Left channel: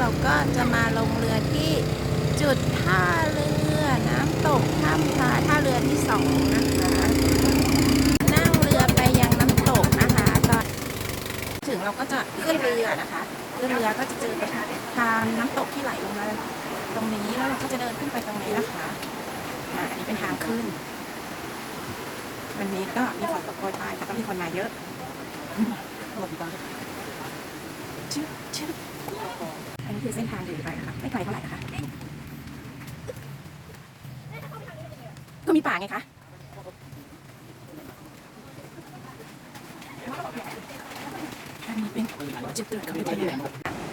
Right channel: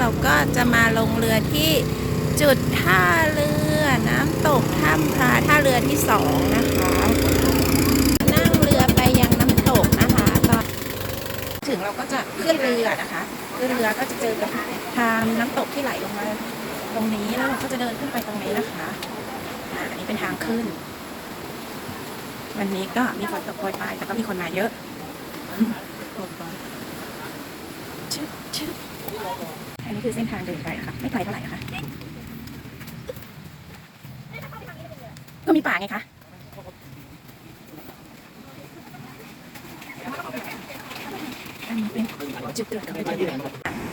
เราก็จะมาลงเรือที่จุดท่าเรือน้ำตกถ้ำพาท่าเรือที่สองนะคะ นั่งเรือไปยังน้ำตกนะคะตอนถึงเราก็จะขึ้นเรือนะคะขึ้นเรือก็จะเจอกับทางน้ำตกที่ไหลตรงนี้แล้วเราก็จะเดินขึ้นไปตรงนี้นะคะอันนี้เป็นทางขึ้น วันนี้ก็มีฝนตกโปรยปลายแต่ก็มีคนมาเยอะลมบอลชึบชึบ อันนี้คือเส้นทางเดินไปค่ะ ไม่ไกลเท่าไหร่นะคะก็มีป่าไงคะเป็นจุดเกิดกับ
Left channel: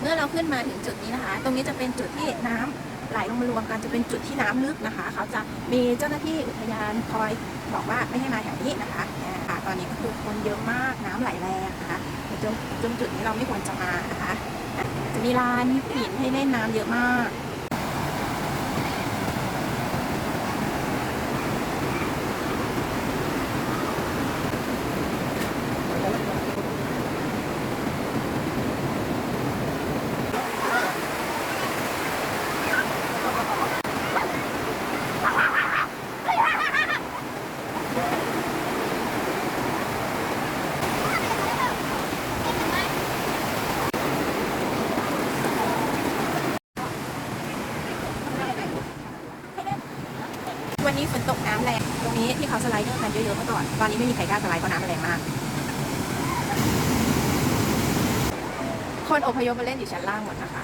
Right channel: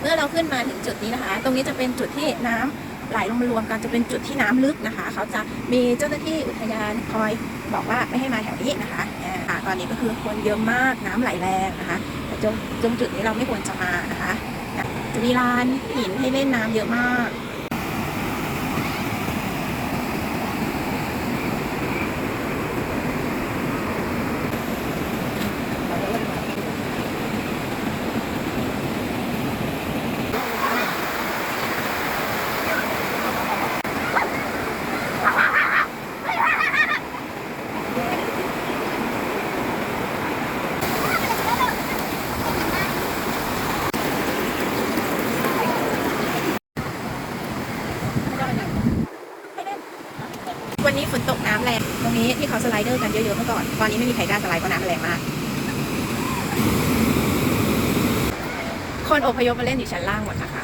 เมื่อเราขึ้นมาถึงจุดนี้นะคะ ตรงนี้จะเป็นจุดที่น้ำไหลลงมารวมกันจะเป็นจุดที่น้ำลึกนะคะ เขาจะมีเจ้าหน้าที่อุทยานคอยบอกว่าไม่ให้มาแถวนี้นะคะอ่าตอนนี้ก็คือคนเยอะมากน้ำไหลแรงนะคะแต่ตรงตรงจุดนี้เราไม่ควรจะมานะคะ มีร้านหินให้เล่นน้ำเยอะมาก วันนี้ฝนตกน้ำแรงตรงนี้ที่เขาสไลเดอร์กันเยอะๆเมื่อก่อน ตอนนี้ไม่มีใครกล้าสไลด์เพราะน้ำแรงมาก คนอพยพมาเล่นอยู่ชั้นล่างหมดนะคะ